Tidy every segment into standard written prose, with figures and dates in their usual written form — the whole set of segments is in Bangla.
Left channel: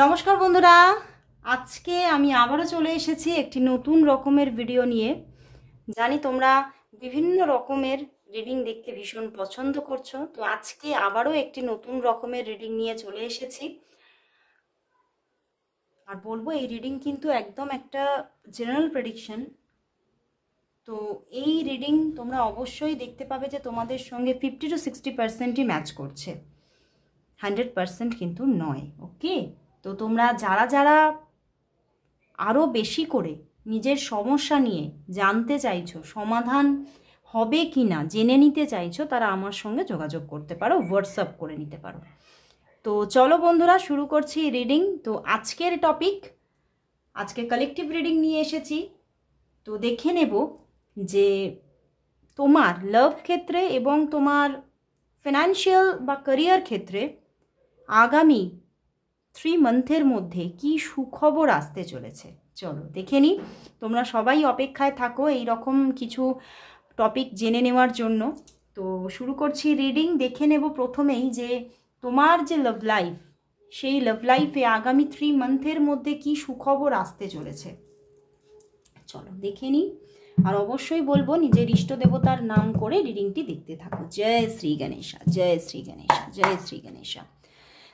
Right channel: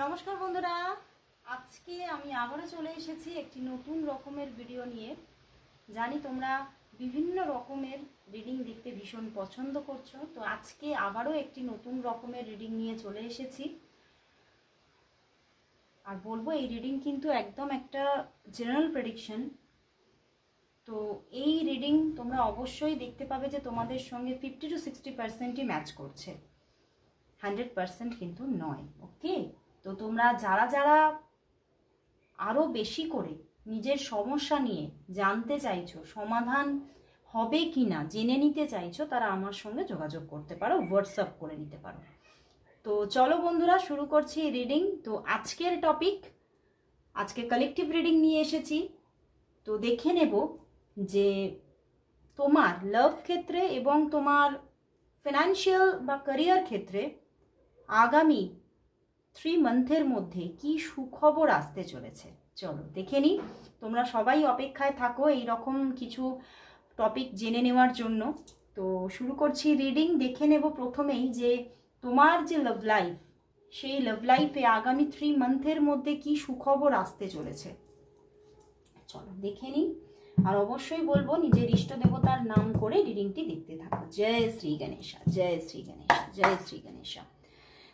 নমস্কার বন্ধুরা, আজকে আমি আবারও চলে এসেছি একটি নতুন রকমের ভিডিও নিয়ে। জানি তোমরা বিভিন্ন রকমের রিডিং দেখতে ভীষণ পছন্দ করছো, তো আজকে আবারও একটি নতুন রকমের রিডিং নিয়ে চলে এসেছি। আর বলবো এই রিডিং কিন্তু একদম একটা জেনারেল প্রেডিকশন। তো এই রিডিং তোমরা অবশ্যই দেখতে পাবে যে তোমাদের সঙ্গে 50 to 60%ই ম্যাচ করছে, 100% কিন্তু নয়। ওকে, তো তোমরা যারা যারা আরও বেশি করে নিজের সমস্যা নিয়ে জানতে চাইছো, সমাধান হবে কি না জেনে নিতে চাইছো, তারা আমার সঙ্গে যোগাযোগ করতে পারো, হোয়াটসঅ্যাপ করে নিতে পারো। তো চলো বন্ধুরা, শুরু করছি রিডিং। তো আজকের টপিক, আজকে কালেকটিভ রিডিং নিয়ে এসেছি। তো দেখে নেব যে তোমার লাভ ক্ষেত্রে এবং তোমার ফিনান্সিয়াল বা ক্যারিয়ার ক্ষেত্রে আগামী 3 মান্থের মধ্যে কি সুখবর আসতে চলেছে। চলো দেখে নিই। তোমরা সবাই অপেক্ষায় থাকো এই রকম কিছু টপিক জেনে নেওয়ার জন্য। তো শুরু করছি রিডিং। দেখে নেব প্রথমেই যে তোমার যে লাভ লাইফ, সেই লাভ লাইফে আগামী 3 মান্থের মধ্যে কি সুখবর আসতে চলেছে। চলো দেখে নিই। আর অবশ্যই বলবো নিজের ইষ্ট দেবতার নাম করে রিডিংটি দেখতে থাকো। জয় শ্রী গণেশা, জয় শ্রী গণেশা, জয় শ্রী গণেশা।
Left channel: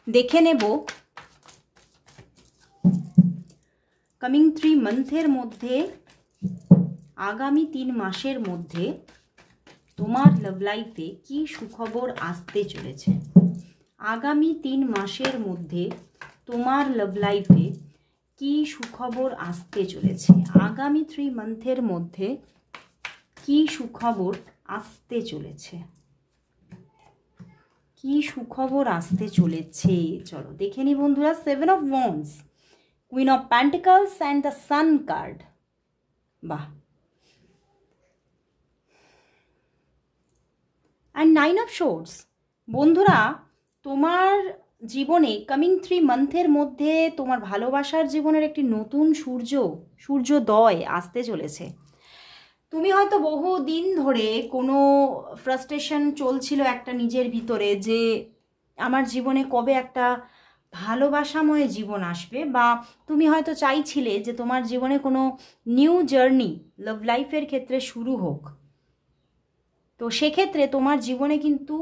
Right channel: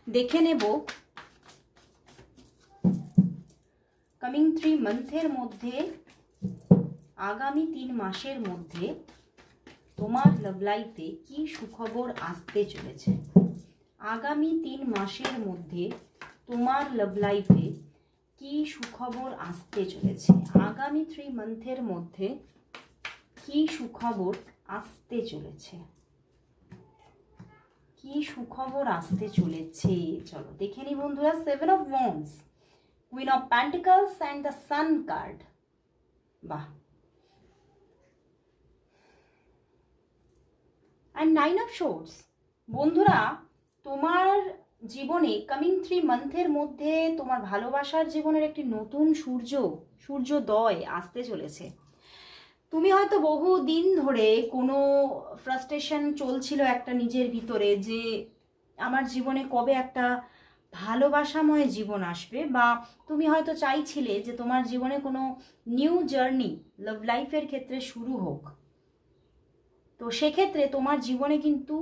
দেখে নেব কামিং 3 মান্থের মধ্যে, আগামী 3 মাসের মধ্যে তোমার লাভ লাইফে কি সুখবর আসতে চলেছে। আগামী 3 মাসের মধ্যে তোমার লাভ লাইফে কি সুখবর আসতে চলেছে। আগামী 3 মান্থের মধ্যে কি সুখবর আসতে চলেছে, কি সুখবর আসতে চলেছে। চলো দেখে নি বন্ধুরা। 7 of Wands, Queen of Pentacles and the Sun card। বাহ। and 9 of Swords। বন্ধুরা, তোমার জীবনে কামিং 3 মান্থের মধ্যে তোমার ভালোবাসার জীবনের একটি নতুন সূর্যোদয় আসতে চলেছে। তুমি হয়তো বহু দিন ধরে কোনো ফ্রাস্ট্রেশন চলছিল একটা নিজের ভিতরে, যে আমার জীবনে কবে একটা ভালোবাসাময় জীবন আসবে, বা তুমি হয়তো চাইছিলে যে তোমার জীবনে কোনো নিউ জার্নি লাভ লাইফের ক্ষেত্রে শুরু হোক। তো সেক্ষেত্রে তোমার জীবনে কিন্তু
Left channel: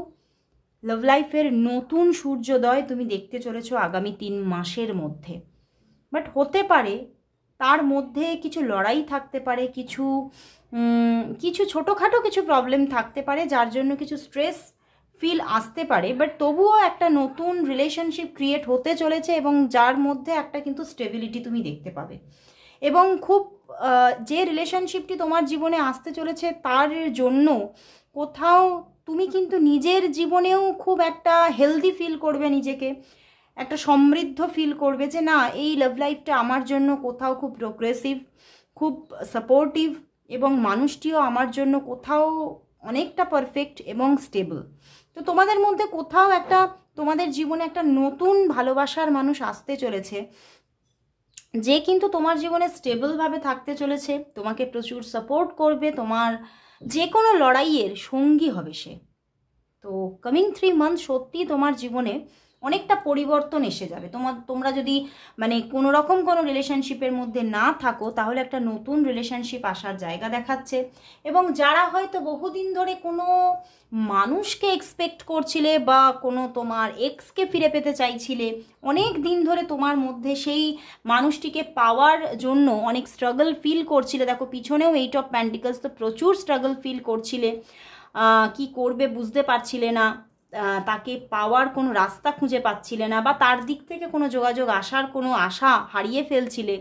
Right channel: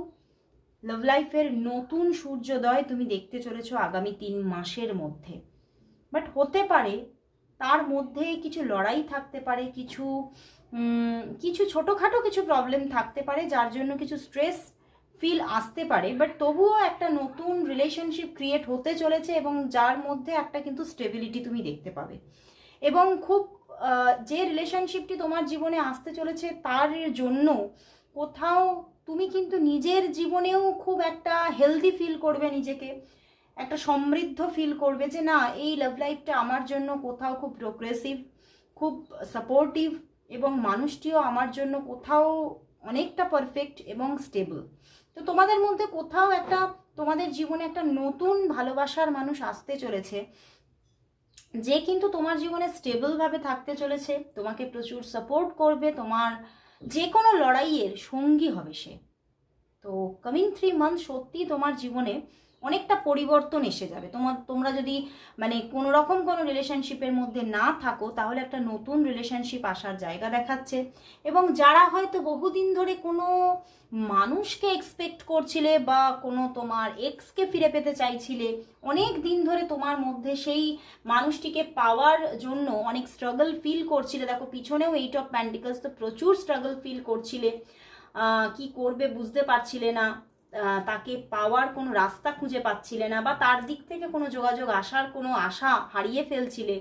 লাভ লাইফের নতুন সূর্যোদয় তুমি দেখতে চলেছো আগামী 3 মাসের মধ্যে। বাট হতে পারে তার মধ্যে কিছু লড়াই থাকতে পারে, কিছু ছোটোখাটো কিছু প্রবলেম থাকতে পারে, যার জন্য কিছু স্ট্রেস ফিল আসতে পারে। বাট তবুও একটা নতুন রিলেশনশিপ ক্রিয়েট হতে চলেছে এবং যার মধ্যে একটা কিন্তু স্টেবিলিটি তুমি দেখতে পাবে। এবং খুব যে রিলেশনশিপটি তোমার জীবনে আসতে চলেছে তার জন্য কোথাও তুমি কিন্তু নিজের জীবনেও খুব একটা হেলদি ফিল করবে, নিজেকে একটা সমৃদ্ধ ফিল করবে যে না, এই লাভ লাইফটা আমার জন্য কোথাও খুব প্রোগ্রেসিভ, খুব সাপোর্টিভ, এবং মানুষটিও আমার জন্য কোথাও অনেকটা পারফেক্ট এবং স্টেবল। তো তোমাদের মধ্যে কোথাও একটা, তোমাদের জীবনে একটা নতুন ভালোবাসার মানুষ আসতে চলেছে, যে কিন্তু তোমার জীবনে স্টেবলভাবে থাকতে চলেছে, তোমাকে প্রচুর সাপোর্ট করবে, তোমার যে কোনো লড়াইয়ের সঙ্গী হবে সে। তো কামিং 3 মান্থ সত্যি তোমার জীবনে অনেকটা পরিবর্তন এসে যাবে। তোমরা যদি মানে কোনো রকম কোনো রিলেশনশিপের মধ্যে না থাকো, তাহলে একটা নতুন রিলেশনশিপ আসার জায়গা দেখাচ্ছে। এবং যারা হয়তো বহুদিন ধরে কোনো মানুষকে এক্সপেক্ট করছিলে, বা কোনো তোমার এক্সকে ফিরে পেতে চাইছিলে, অনেক দিন ধরে তোমার মধ্যে সেই মানুষটিকে পাওয়ার জন্য অনেক স্ট্রাগল ফিল করছিলে। দেখো পিছনেও 8 of Pentacles, তো প্রচুর স্ট্রাগল ফিল করছিলে, কি করবে বুঝতে পারছিলে না, তাকে পাওয়ার কোনো রাস্তা খুঁজে পাচ্ছিলে না, বা তার দিক থেকে কোনো যোগাযোগ আসার কোনো আশা হারিয়ে ফেলছিলে।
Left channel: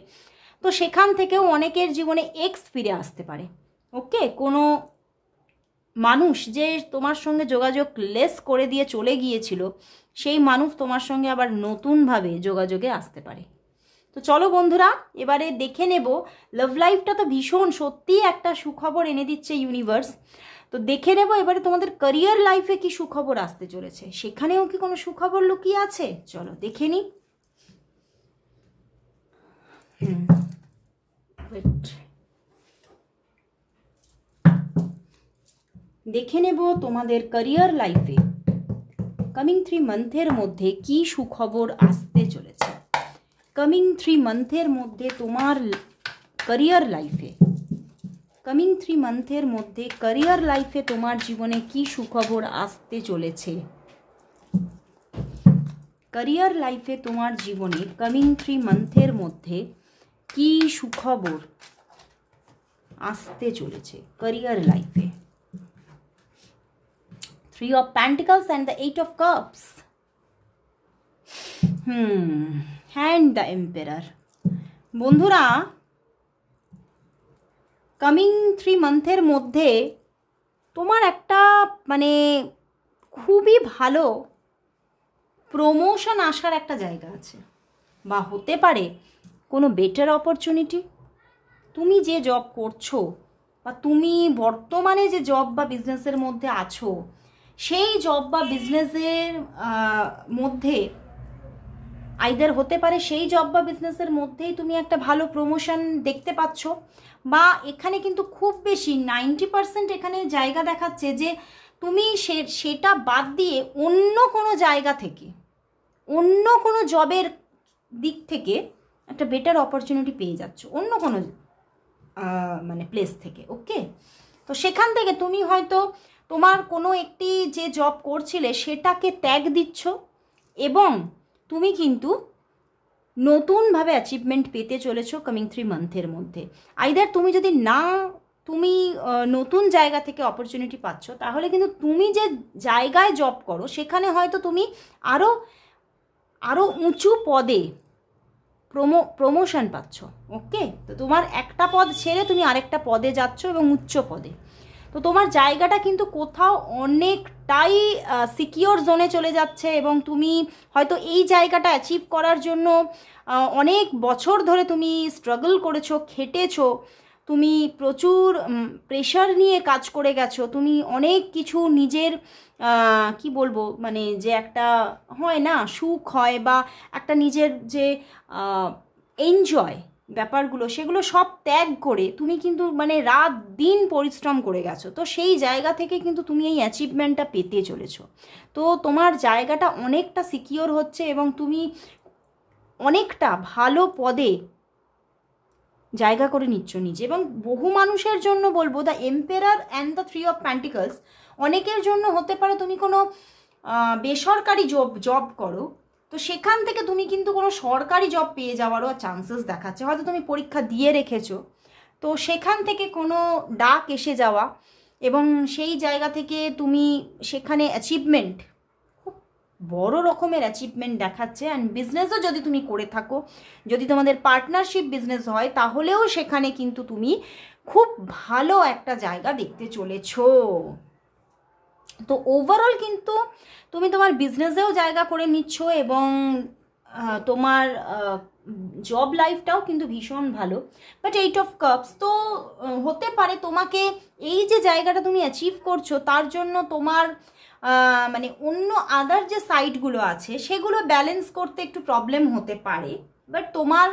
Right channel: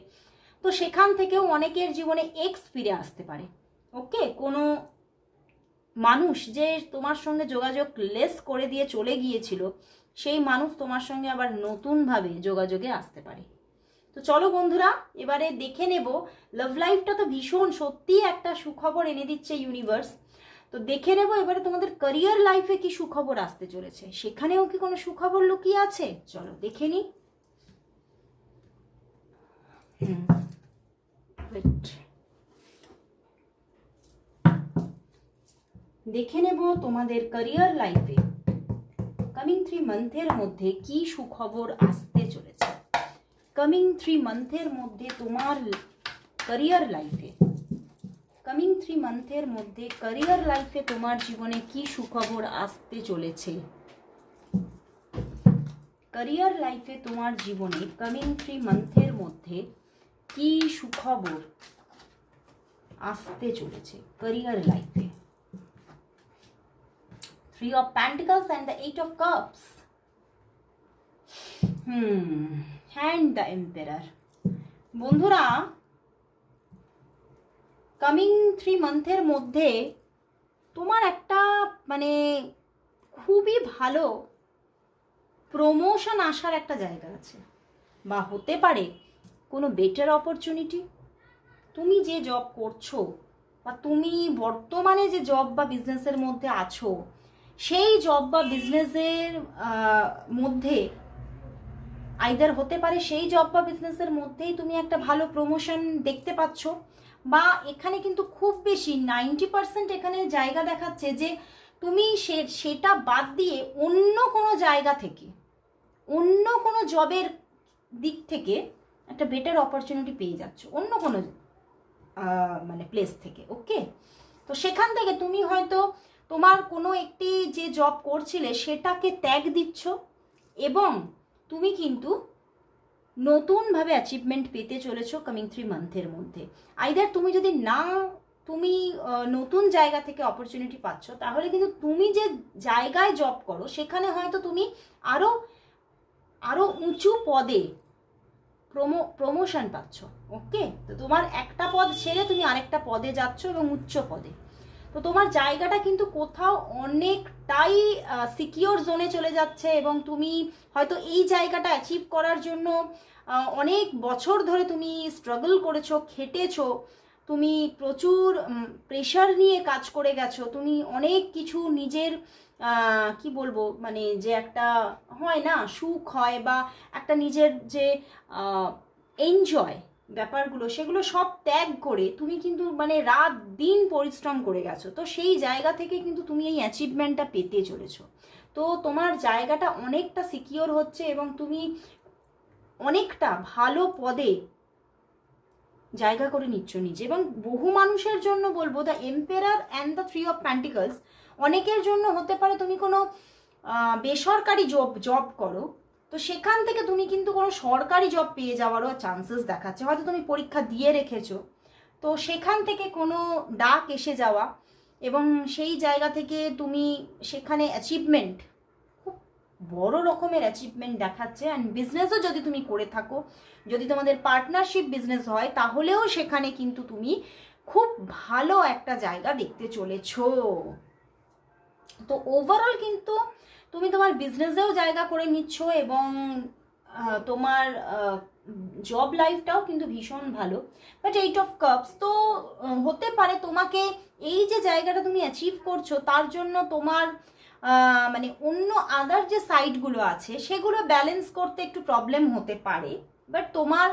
তো সেখান থেকেও অনেকের জীবনে এক্স ফিরে আসতে পারে। ওকে, কোনো মানুষ যে তোমার সঙ্গে যোগাযোগ লেস করে দিয়ে চলে গিয়েছিল, সেই মানুষ তোমার সঙ্গে আবার নতুনভাবে যোগাযোগে আসতে পারে। তো চলো বন্ধুরা, এবারে দেখে নেব লাভ লাইফটা তো ভীষণ সত্যিই একটা সুখবর এনে দিচ্ছে ইউনিভার্স। তো দেখে নেব এবারে তোমাদের ক্যারিয়ার লাইফে কি সুখবর আসতে চলেছে, সেখানেও কি কোনো সুখবর লুকিয়ে আছে। চলো দেখে নি। দেখে নেব তোমাদের ক্যারিয়ার লাইফে কামিং 3 মান্থের মধ্যে কি সুখবর আসতে চলেছে। কামিং 3 মান্থের মধ্যে তোমার ক্যারিয়ার লাইফে, কামিং 3 মান্থের মধ্যে ক্যারিয়ার লাইফে তোমার জীবনে কি সুখবর আসতে চলেছে? ক্যারিয়ার লাইফে তোমার জীবনে কামিং 3 মান্থের মধ্যে কি সুখবর আসতে চলেছে ক্যারিয়ার লাইফে? 3 of Pentacles and the 8 of Cups. And the Emperor. বন্ধুরা, কামিং 3 মান্থের মধ্যে তোমার একটা মানে খুবই ভালো প্রমোশন আসার একটা জায়গা আছে, বা হতে পারে কোনো বেটার অপরচুনিটি। তুমি যে জব করছো বা তুমি বর্তমানে যে জব বা বিজনেসের মধ্যে আছো, সেই জব বা বিজনেসের মধ্যে আইদার হতে পারে সেই জব বা বিজনেসের মধ্যেই তুমি একটা ভালো প্রমোশন দেখতে পাচ্ছ, বা এখানে কিন্তু খুব বেশি 90% এখানে জায়গা দেখাচ্ছে যে তুমি সেটা বাদ দিয়ে অন্য কোনো জায়গা থেকে, অন্য কোনো জবের দিক থেকে একটা বেটার অপরচুনিটি পেয়ে যাচ্ছ, অন্য কোনো মানে প্লেস থেকে। ওকে, তো সেখান থেকে তুমি হয়তো তোমার কোনো একটি যে জব করছিলে সেটাকে ত্যাগ দিচ্ছ, এবং তুমি কিন্তু নতুনভাবে অ্যাচিভমেন্ট পেতে চলেছো কামিং 3 মান্থের মধ্যে। আইদার তুমি যদি তুমি নতুন জায়গা থেকে অপরচুনিটি পাচ্ছ, তাহলে কিন্তু তুমি যে জায়গায় জব করো সেখানে হয়তো তুমি আরও উঁচু পদে প্রমোশন পাচ্ছ। ওকে, তো তোমার একটা পদ ছেড়ে তুমি আরেকটা পদে যাচ্ছ এবং উচ্চ পদে। তো তোমার জায়গাটা কিন্তু কোথাও অনেকটাই সিকিওর জোনে চলে যাচ্ছে, এবং তুমি হয়তো এই জায়গাটা অ্যাচিভ করার জন্য অনেক বছর ধরে তুমি স্ট্রাগল করেছো, খেটেছো, তুমি প্রচুর প্রেশার নিয়ে কাজ করে গেছো, তুমি অনেক কিছু নিজের কি বলবো মানে যে একটা হয় না সুখ হয় বা একটা নিজের যে এনজয় ব্যাপারগুলো, সেগুলো সব ত্যাগ করে তুমি কিন্তু মানে রাত দিন পরিশ্রম করে গেছো। তো সেই জায়গা থেকে কিন্তু তুমি এই অ্যাচিভমেন্টটা পেতে চলেছো। তো তোমার জায়গাটা অনেকটা সিকিওর হচ্ছে এবং তুমি অনেকটা ভালো পদে জায়গা করে নিচ্ছ নিজে। এবং বহু মানুষের জন্য বলবো the emperor and the 3 of pentacles, অনেকের জন্য হতে পারে তুমি কোনো বেসরকারি জব করো, তো সেখান থেকে তুমি কিন্তু কোনো সরকারি জব পেয়ে যাওয়ারও চান্সেস দেখাচ্ছে। হয়তো তুমি পরীক্ষা দিয়ে রেখেছো, তো সেখান থেকে কোনো ডাক এসে যাওয়া, এবং সেই জায়গা থেকে তুমি সেখানে অ্যাচিভমেন্ট, খুব বড় রকমের অ্যাচিভমেন্ট দেখাচ্ছে। অ্যান্ড বিজনেসও যদি তুমি করে থাকো, যদি তোমাদের পার্টনারশিপ বিজনেস হয়, তাহলেও সেখানে কিন্তু তুমি খুব ভালো একটা জায়গা দেখতে চলেছো। তো ওভারঅল কিন্তু তুমি তোমার বিজনেসেও জায়গা করে নিচ্ছ, এবং তোমার জব লাইফটাও কিন্তু ভীষণ ভালো। বাট 8 অফ কাপস, তো হতে পারে তোমাকে এই যে জায়গাটা তুমি অ্যাচিভ করছো তার জন্য তোমার মানে অন্য আদার যে সাইডগুলো আছে সেগুলো ব্যালেন্স করতে একটু প্রবলেম হতে পারে। বাট তোমার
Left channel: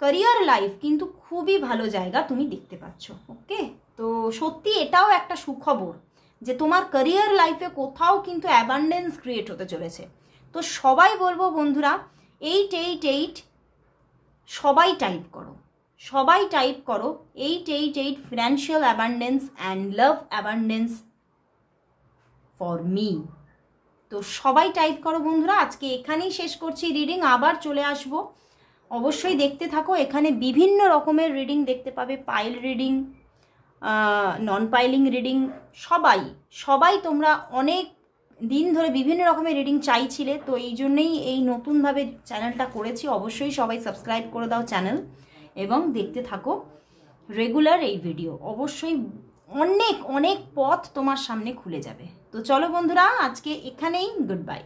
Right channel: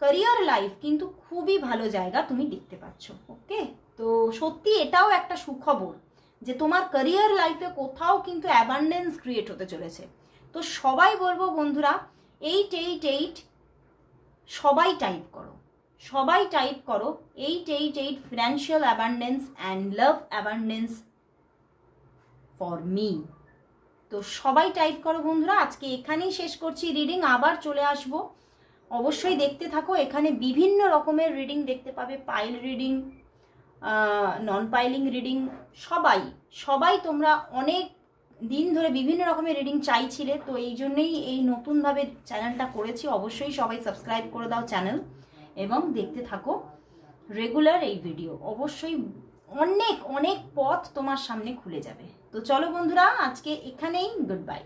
ক্যারিয়ার লাইফ কিন্তু খুবই ভালো জায়গা তুমি দেখতে পাচ্ছ। ওকে, তো সত্যি এটাও একটা সুখবর যে তোমার ক্যারিয়ার লাইফে কোথাও কিন্তু অ্যাবান্ডেন্স ক্রিয়েট হতে চলেছে। তো সবাই বলবো বন্ধুরা, 888 সবাই টাইপ করো, সবাই টাইপ করো 888 financial abundance and love abundance for me. তো সবাই টাইপ করো বন্ধুরা। আজকে এখানেই শেষ করছি রিডিং, আবার চলে আসব, অবশ্যই দেখতে থাকো। এখানে বিভিন্ন রকমের রিডিং দেখতে পাবে, পাইল রিডিং, নন পাইলিং রিডিং, সবাই তোমরা অনেক দিন ধরে বিভিন্ন রকমের রিডিং চাইছিলে, তো এই জন্যেই এই নতুনভাবে চ্যানেলটা করেছি। অবশ্যই সবাই সাবস্ক্রাইব করে দাও চ্যানেল, এবং দেখতে থাকো রেগুলার এই ভিডিও। অবশ্যই অনেক অনেক পথ তোমার সামনে খুলে যাবে। তো চলো বন্ধুরা, আজকে এখানেই, গুড বাই।